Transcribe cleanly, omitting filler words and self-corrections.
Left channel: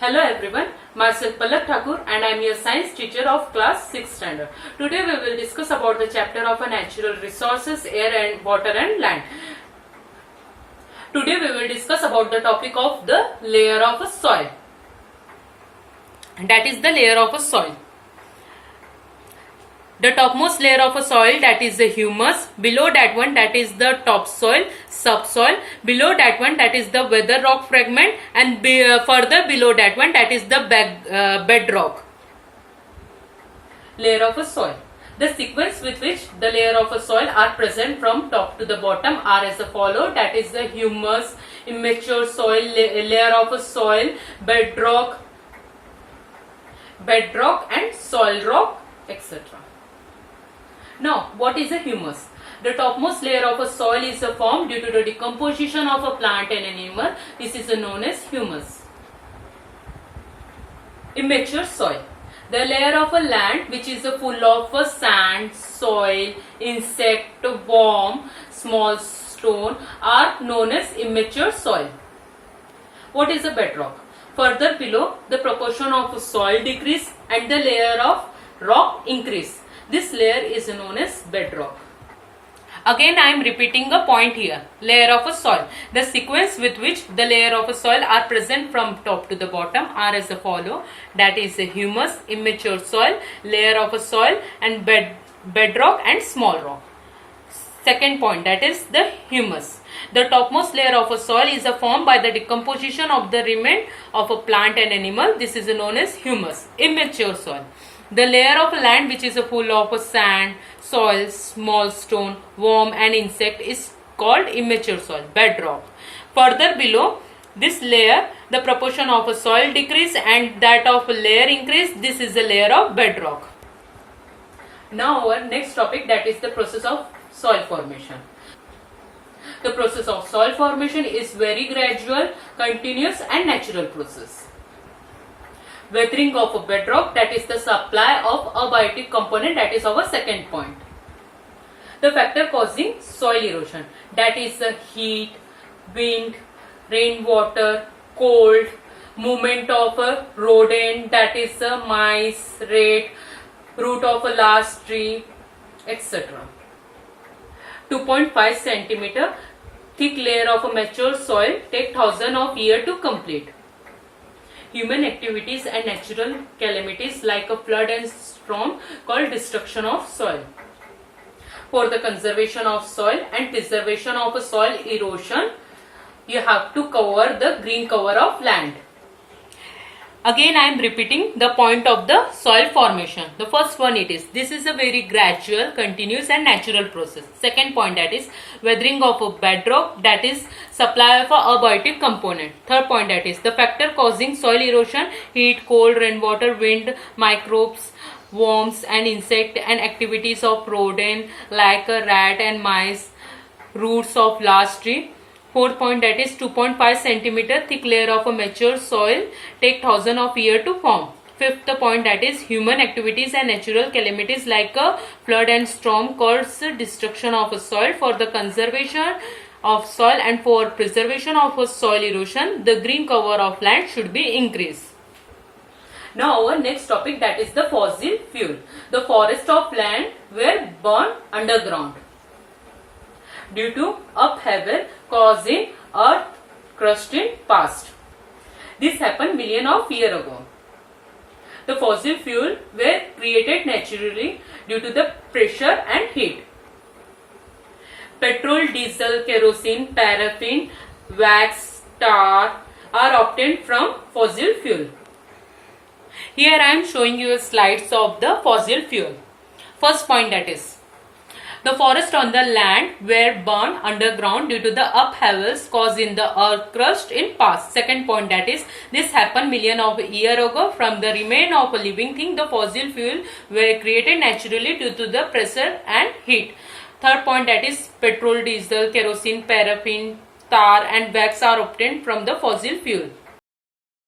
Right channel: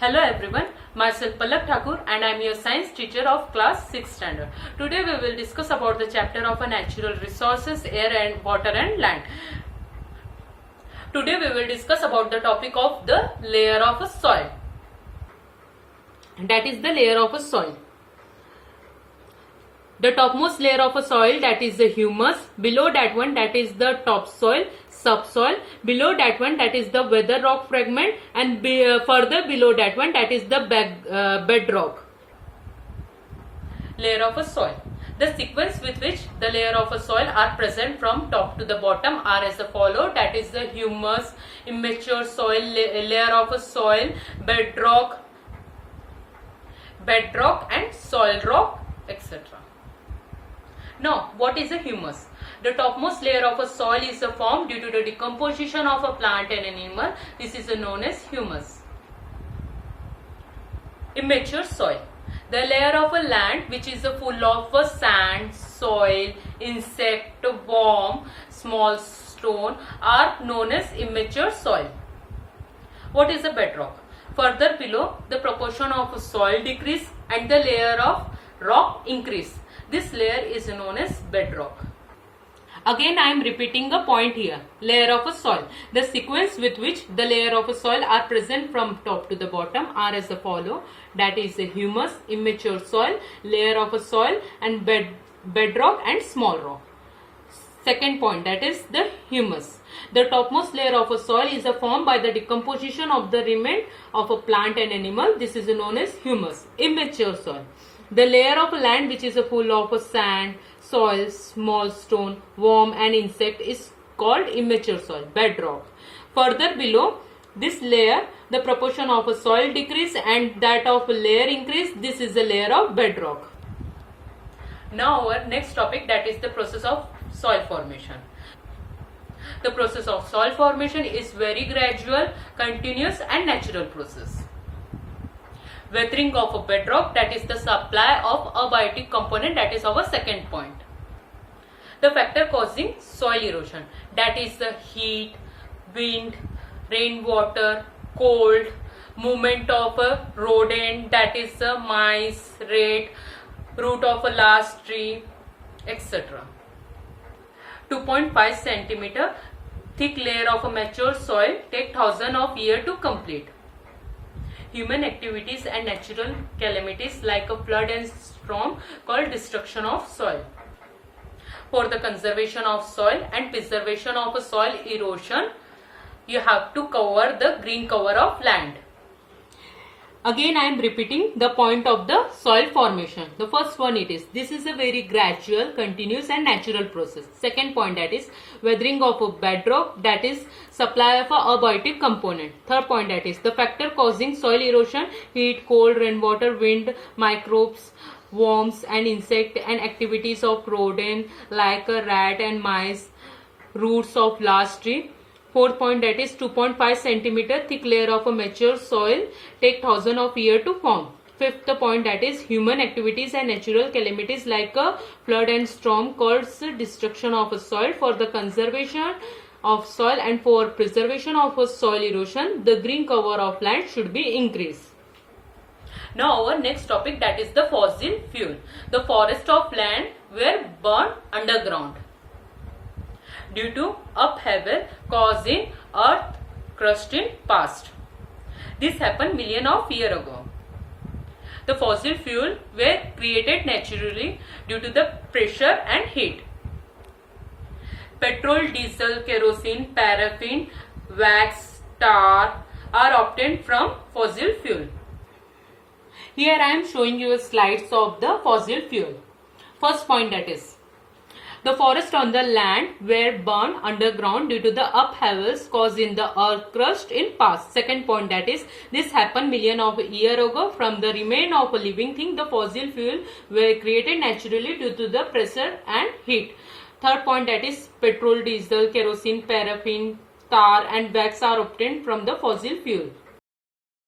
Hello everyone, myself Palak Thakur and I am your science teacher of class 6th standard. Today we will discuss about the chapter of natural resources, air and water and land. Today we will discuss about the topic of the layer of a soil. That is the layer of a soil. The topmost layer of a soil, that is the humus. Below that one, that is the topsoil, subsoil. Below that one, that is the weather rock fragment, and further below that one, that is the bedrock. Layer of a soil. The sequence with which the layer of a soil are present from top to the bottom are as follows. That is the humus, immature soil, layer of a soil, bedrock and soil rock, etc. Now, what is a humus? The topmost layer of a soil is formed due to the decomposition of a plant and animal. This is known as humus. Immature soil. The layer of a land which is full of sand, soil, insect, worm, small stone are known as immature soil. What is a bedrock? Further below, the proportion of soil decrease and the layer of rock increase. This layer is known as bedrock. Again, I am repeating a point here. Layer of a soil. The sequence with which the layer of a soil are present from top to the bottom are as follow. That is humus, immature soil, layer of a soil, and bedrock and small rock. Second point, that is the humus. The topmost layer of a soil is formed by the decomposition of the remains of a plant and animal. This is known as humus. Immature soil. The layer of land which is full of sand, soil, small stone, worm and insect is called immature soil, bedrock. Further below this layer, the proportion of a soil decrease and that of a layer increase. This is the layer of bedrock. Now our next topic, that is the process of soil formation. The process of soil formation is very gradual, continuous and natural process. Weathering of a bedrock, that is the supply of abiotic component, that is our second point. The factor causing soil erosion, that is the heat, wind, rainwater, cold, movement of a rodent, that is the mice, rat, root of a large tree, etc. 2.5 centimeter thick layer of a mature soil take thousands of years to complete. Human activities and natural calamities like a flood and storm called destruction of soil. For the conservation of soil and preservation of soil erosion, you have to cover the green cover of land. Again, I am repeating the point of the soil formation. The first one this is a very gradual, continuous and natural process. Second point, that is weathering of a bedrock, that is supply of a abiotic component. Third point, that is the factor causing soil erosion, heat, cold, rainwater, wind, microbes, worms and insect and activities of rodent like a rat and mice, roots of large tree. Fourth point, that is 2.5 centimeter thick layer of a mature soil take thousands of years to form. Fifth point, that is human activities and natural calamities like a flood and storm cause destruction of a soil. For the conservation of soil and for preservation of a soil erosion, the green cover of land should be increased. Now our next topic, that is the fossil fuel. The forest of land were burned underground due to upheaval causing earth crust in past. This happened millions of years ago. The fossil fuel were created naturally due to the pressure and heat. Petrol, diesel, kerosene, paraffin, wax, tar are obtained from fossil fuel. Here I am showing you slides of the fossil fuel. First point, that is the forest on the land were burned underground due to the upheavals caused in the earth crust in past. Second point, that is this happened millions of years ago. From the remain of a living thing, the fossil fuel were created naturally due to the pressure and heat. Third point, that is petrol, diesel, kerosene, paraffin, tar and wax are obtained from the fossil fuel.